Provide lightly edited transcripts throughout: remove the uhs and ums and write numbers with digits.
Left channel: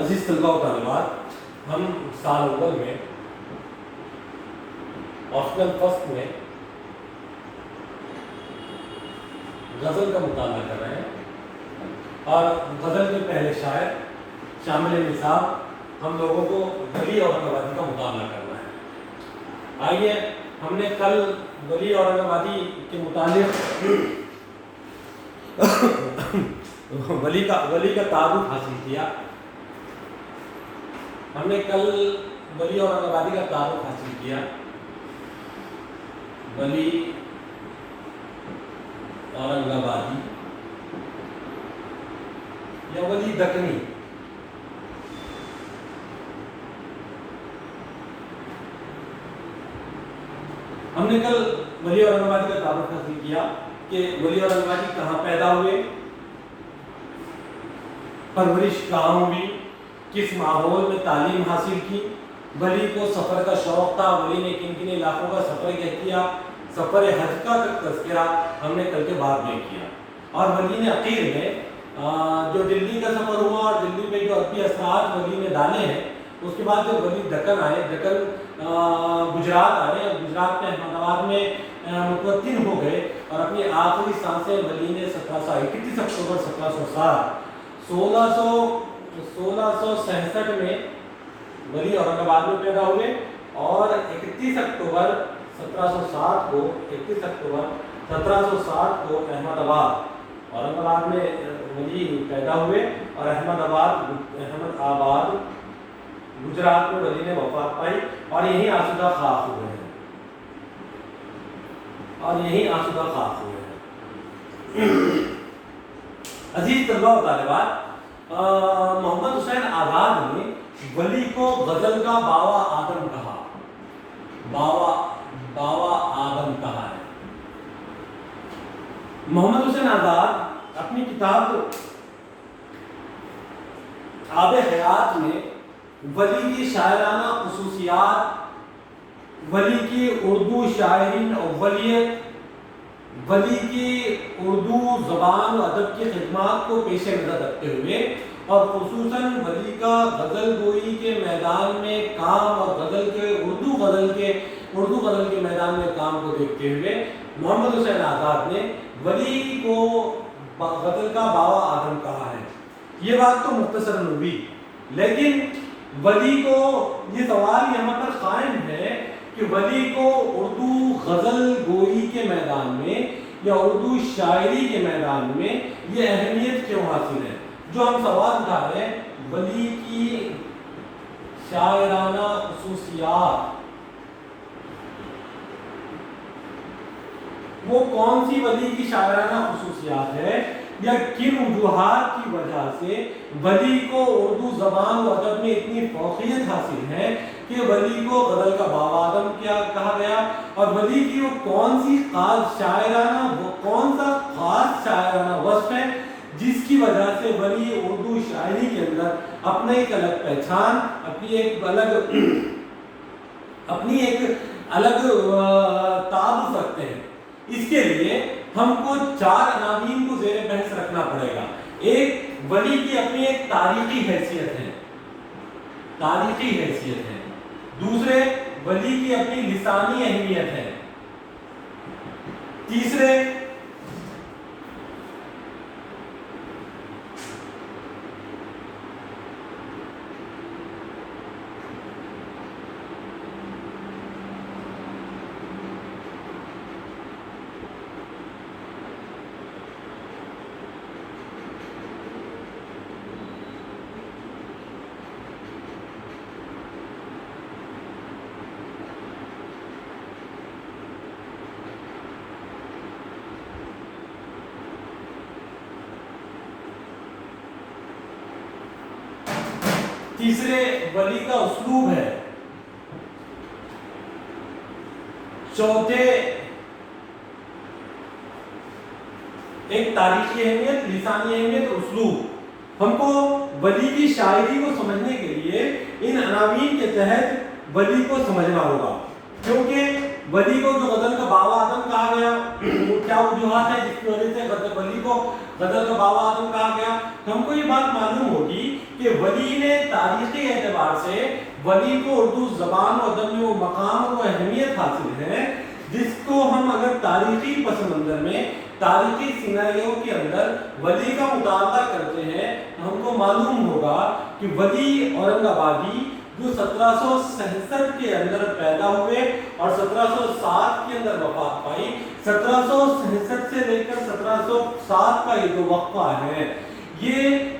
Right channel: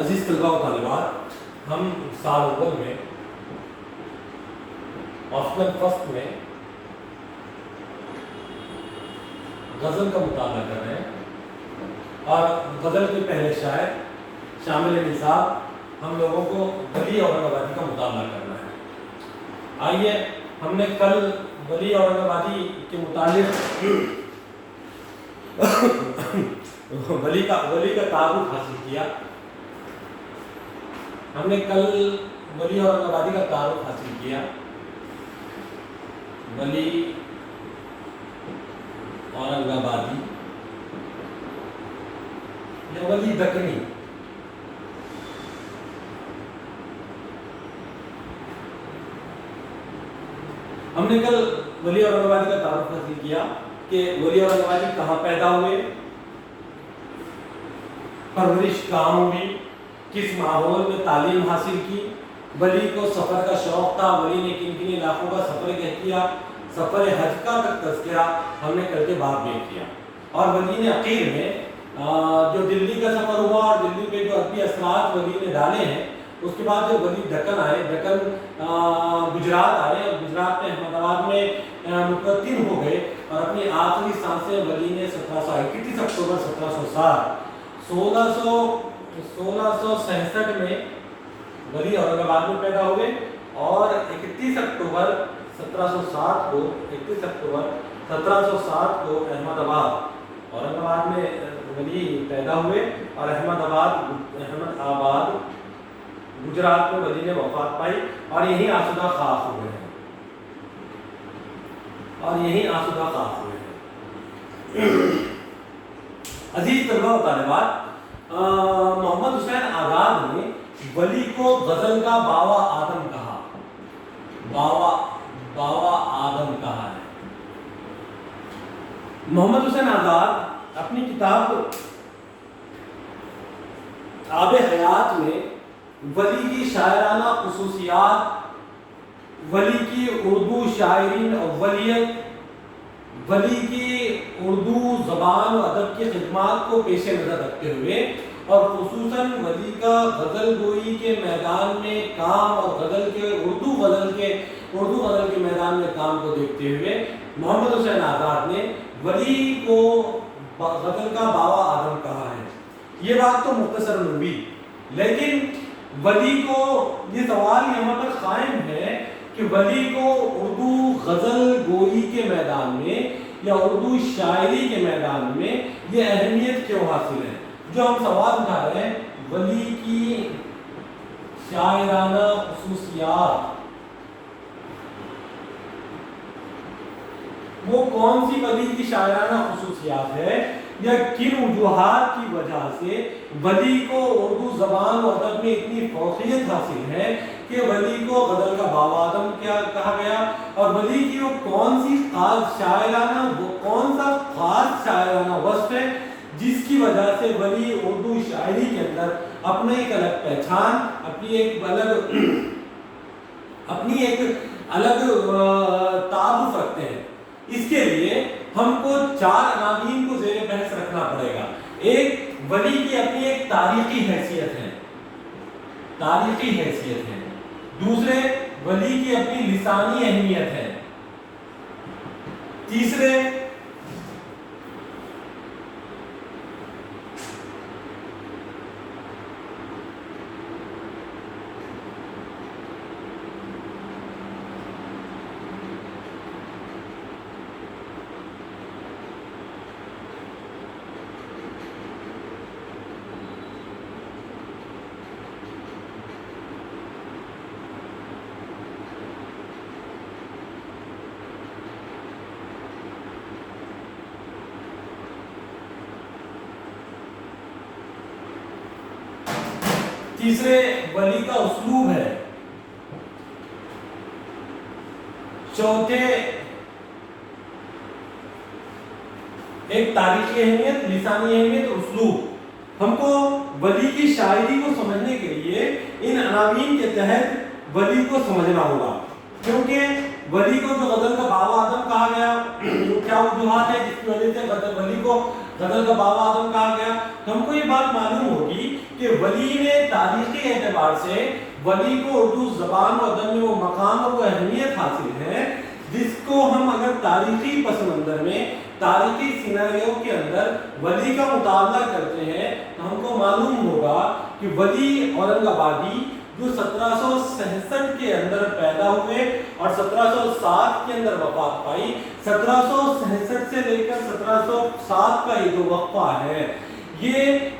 عزیز طلباء و طالبات، ہم سال اول میں آپشنل فسٹ میں غزل کا مطالعہ کر رہے ہیں اور غزل کے پہلے شاعر شامل نصاب ہم لوگوں کو ولی اورنگ آبادی کا مطالعہ کرنا ہے۔ آئیے، ہم نے کل ولی اورنگ آبادی کے متعلق ولی کا تعارف حاصل کیا۔ ہم نے کل ولی اورنگ آبادی کا تعارف حاصل کیا۔ ولی اورنگ آبادی یا ولی دکنی ہم نے کل ولی اورنگ آبادی کا تعارف حاصل کیا کہ ولی اورنگ آبادی کہاں پیدا ہوئے، پرورش کہاں ہوئی، کس ماحول میں تعلیم حاصل کی، ولی کو سفر کا شوق تھا، ولی نے کن کن علاقوں کا سفر کیا، سفر حج کا تک تذکرہ ہم نے کل کے بعد میں کیا۔ اور ولی نے اخیر میں جو دلی کا سفر ہوا اور دلی میں جو ادبی اثرات ولی نے ڈالے ہیں، اس کے بعد جب ولی دکن آئے، دکن گجرات آئے اور گجرات میں احمد آباد میں متوطن ہو گئے اور اپنی آخری سانسیں ولی نے 31 اکتوبر 1667 میں ولی اورنگ آباد میں پیدا ہوئے اور 31 اکتوبر 1760 کو احمد آباد میں ولی پیدا ہوئے اور احمد آباد گجرات میں ولی نے وفات پائی اور یہیں آسودہ خاک ہوئے ہیں عزیز طلباء و طالبات، محمد حسین آزاد نے ولی کو غزل کا باوا آدم کہا۔ ہے محمد حسین آزاد اپنی کتاب آب حیات میں ولی کی شاعرانہ خصوصیات، ولی کی اردو شاعری اولیت، ولی کی اردو زبان و ادب کی خدمات کو پیش نظر رکھتے ہوئے اور خصوصاً ولی کا غزل گوئی کے میدان میں کام اور اردو غزل کے میدان میں کام کو دیکھتے ہوئے محمد حسین آزاد نے ولی کو غزل کا باوا آدم کہا ہے۔ یہ بات تو مختصر ہوئی، لیکن ولی کو یہ سوال یہاں پر قائم ہے کہ ولی کو اردو غزل گوئی کے میدان میں یا اردو شاعری کے میدان میں یہ اہمیت کیوں حاصل ہے؟ جو ہم سوال اٹھا رہے ہیں، ولی کی شاعرانہ خصوصیات، وہ کون سی ولی کی شاعرانہ خصوصیات ہے یا کن وجوہات کی وجہ سے ولی کو اردو زبان و ادب میں اتنی فوقیت حاصل ہے کہ ولی کو غزل کا باوا آدم کیا کہا گیا، اور ولی کی وہ کون سا خاص شاعرانہ وصف ہے جس کی وجہ سے ولی اردو شاعری کے اندر اپنا ایک الگ پہچان، اپنی ایک الگ تعارف رکھتے ہیں۔ اس کے لیے ہم کو 4 عناوین کو زیر بحث رکھنا پڑے گا۔ ایک، ولی کی اپنی ایک تاریخی حیثیت ہے۔ دوسرے، ولی کی اپنی لسانی اہمیت ہے۔ تیسرے، ولی کا اسلوب ہے۔ چوتھے، ایک تاریخی اہمیت، لسانی اہمیت اور اسلوب۔ ہم کو ولی کی شاعری کو سمجھنے کے لیے ان عناوین کے تحت ولی کو سمجھنا ہوگا، کیونکہ ولی کو جو غزل کا بابا اعظم کہا گیا، کیا وجوہات ہے جس کی وجہ سے ولی کو غزل کا بابا اعظم کہا گیا؟ ہم کو یہ بات معلوم ہوگی کہ ولی نے تاریخی اعتبار سے ولی کو اردو زبان و ادب میں وہ مقام اور وہ اہمیت حاصل ہے جس کو ہم اگر تاریخی پس منظر میں، تاریخی سیناریو کے اندر ولی کا مطالعہ کرتے ہیں تو ہم کو معلوم ہوگا کہ ولی اورنگ آبادی جو 1767 کے اندر پیدا ہوئے اور 1707 کے اندر وفات پائی، 1767 سے لے کر 1707 کا یہ جو وقفہ ہے یہ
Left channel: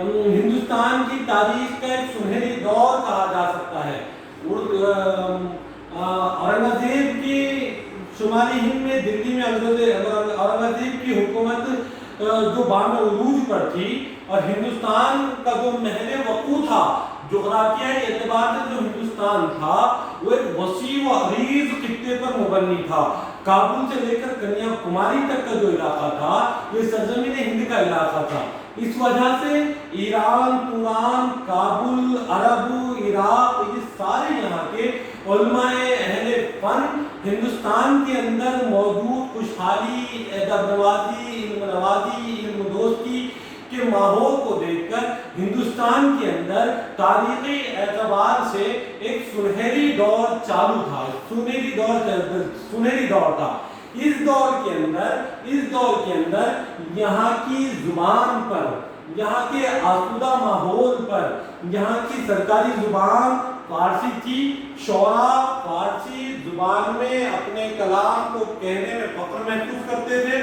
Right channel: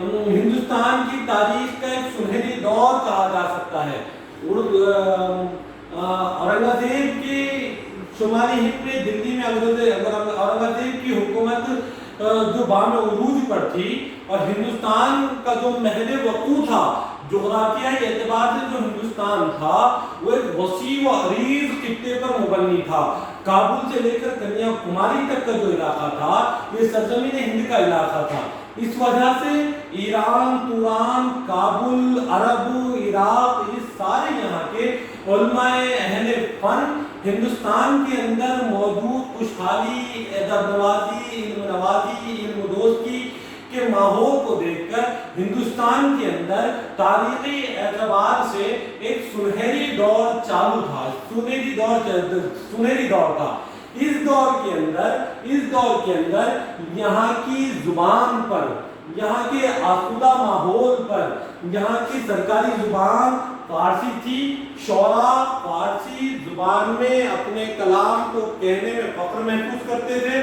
ہندوستان کی تاریخ کا ایک سنہری دور کہا جا سکتا ہے۔ اورنگزیب کی شمالی ہند میں، دلی میں اورنگزیب کی حکومت جو بام عروج پر تھی اور ہندوستان کا جو محل وقوع تھا جغرافیائی اعتبار سے، جو ہندوستان تھا وہ ایک وسیع و عریض خطے پر مبنی تھا۔ کابل سے لے کر کنیا کماری تک کا جو علاقہ تھا یہ سرزمین ہند کا علاقہ تھا۔ اس وجہ سے ایران، توران، کابل، عرب، عراق، یہ سارے یہاں کے علماء اہل فن ہندوستان کے اندر موجود خوشحالی، ادب نوازی، علم نوازی، علم دوستی کے ماحول کو دیکھ کر ہندوستان کے اندر تاریخی اعتبار سے ایک سنہری دور چالو تھا، سنہری دور تھا۔ اس دور کے اندر یہاں کی زبان پر، یہاں کے آسودہ ماحول پر، یہاں کی سرکاری زبان فارسی تھی۔ شعراء فارسی زبان میں اپنے کلام کو کہنے میں فخر محسوس کرتے تھے۔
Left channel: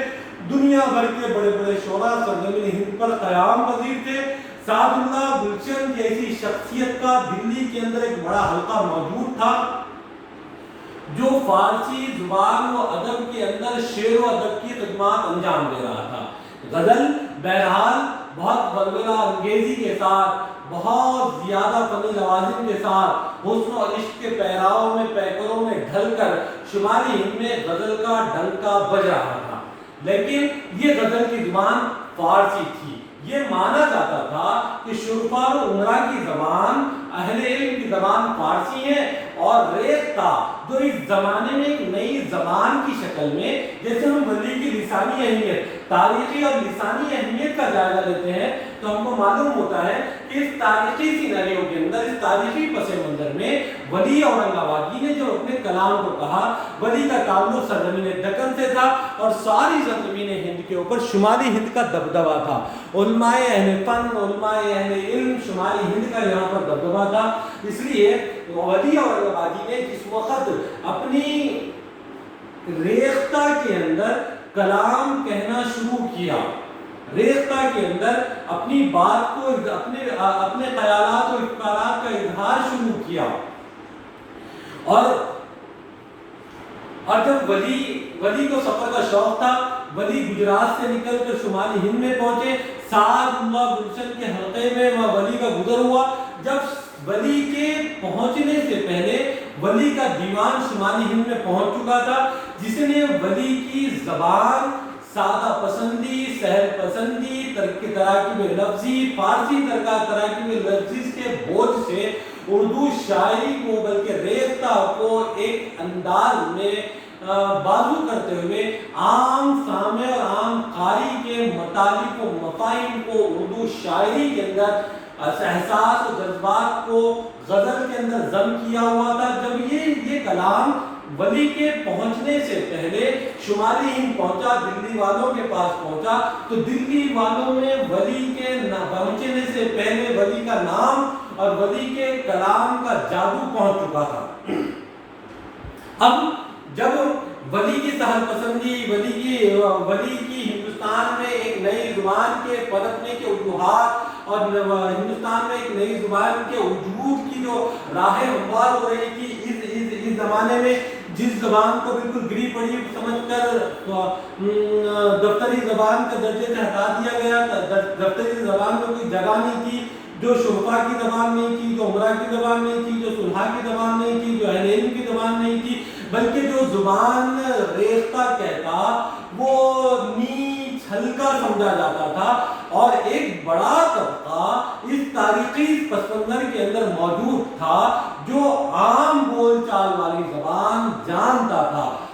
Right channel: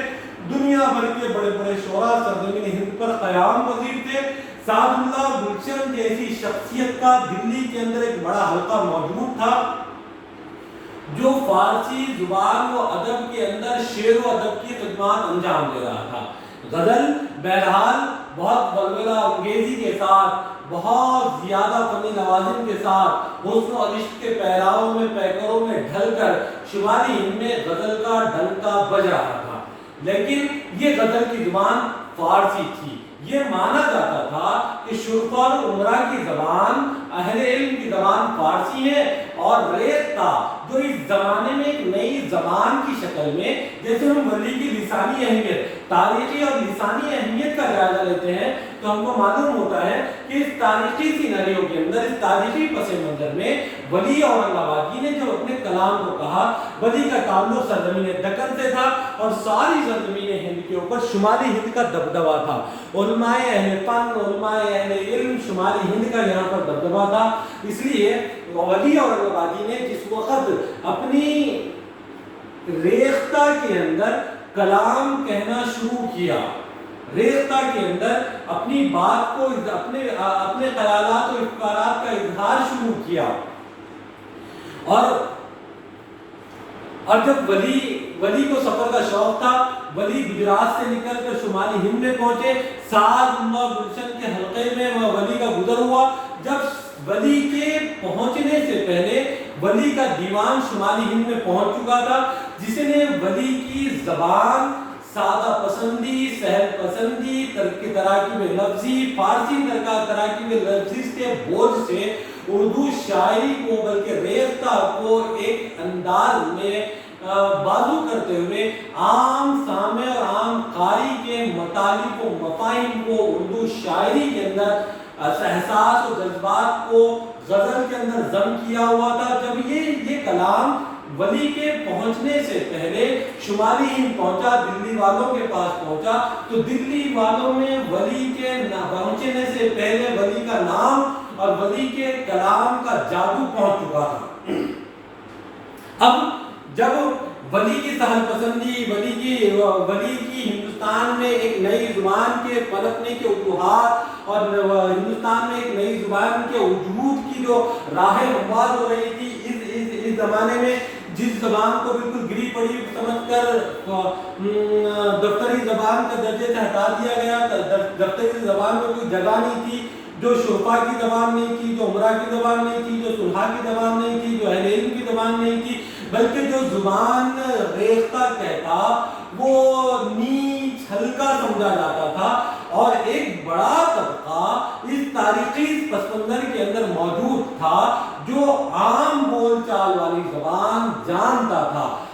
دنیا بھر کے بڑے بڑے شعراء سرزمین ہند پر قیام پذیر تھے۔ سعد اللہ گلشن جیسی شخصیت کا دلی کے اندر ایک بڑا حلقہ موجود تھا جو فارسی زبان و ادب کے اندر شعر و ادب کی خدمات انجام دے رہا تھا۔ غزل بہرحال بہت ولولہ انگیزی کے ساتھ، بہت زیادہ فنی لوازم کے ساتھ، حسن و عشق کے پیراؤں میں، پیکروں میں ڈھل کر شمالی ہند میں غزل کا ڈنکا بج رہا تھا۔ لیکن یہ غزل کی زبان فارسی تھی۔ یہ مانا جاتا تھا کہ شرفا و عمرہ کی زبان، اہل علم کی زبان فارسی ہے، اور ریختہ جو اس زمانے میں ایک نئی زبان کی شکل میں، جیسے ہم ولی کی لسانی اہمیت، تاریخی اور لسانی اہمیت کا جائزہ لیتے ہیں تو ہم کو معلوم ہوتا ہے کہ اس تاریخی سیناریو کے اندر، اس تاریخی پس منظر میں ولی اورنگ آبادی نے جو اپنے کلام کو کہا، ولی کا تعلق سرزمین دکن سے تھا اور ساری سرزمین ہند کے اوپر شمالی ہند کا دبدبہ تھا۔ علماء اہل فن، علماء اہل علم، شمالی ہند کا یہاں پر دبدبہ تھا۔ اس لیے ولی اورنگ آبادی نے جس وقت اپنی ریختہ کے اندر کلام کہنا شروع کیا، ریختہ کے اندر اپنی بات کو، اپنے خیالات و افکارات کا اظہار شروع کیا، اور جب ولی کو سفر کا شوق تھا، ولی گجرات سے نکل کر شمالی ہند میں پہنچے۔ سعد اللہ گلشن کے حلقے میں ولی کا گزر ہوا۔ جب ولی کے پہنچنے سے پہلے ولی کا دیوان شمالی ہند میں پہنچ چکا تھا، جس نے ولی کی زبان، سادہ پسندی، سہل پسندی، تراکیب لفظی، فارسی تراکیب لفظی کے بوجھ سے اردو شاعری کو، بلکہ ریختہ کو ایک انداز میں بازو کرتے ہوئے عام سامع اور عام قاری کے مطالب و مفاہیم کو اردو شاعری کے اندر، احساس و جذبات کو غزل کے اندر ضم کیا ہوا تھا۔ جب یہ کلام ولی کے پہنچنے سے پہلے شمالی ہند پہنچا، دلی والوں کے پاس پہنچا، تو دلی والوں میں ولی کے پہنچنے سے پہلے ولی کا نام اور ولی کے کلام کا جادو پہنچ چکا تھا۔ اب جب ولی کی سہل پسندی، ولی کی ہندوستان میں ایک نئی زبان کے پنپنے کے وجوہات اور ہندوستان میں ایک نئی زبان کے وجود کی جو راہ ہموار ہو رہی تھی، اس زمانے میں جس زبان کو بالکل گری پڑی سمجھ کر دفتری زبان کے درجے سے ہٹا دیا گیا، دفتری زبان میں کوئی جگہ نہیں تھی، جو شرفا کی زبان نہیں تھی، جو عمرہ کی زبان نہیں تھی، جو صلحاء کی زبان نہیں تھی، جو اہل علم کی زبان نہیں تھی، بلکہ جو زبان ریختہ کہتا وہ نیچ ہلکا سمجھا جاتا تھا، اور ایک بڑا طبقہ اس تاریخی پس منظر کے اندر موجود تھا جو عام بول چال والی زبان جانتا تھا،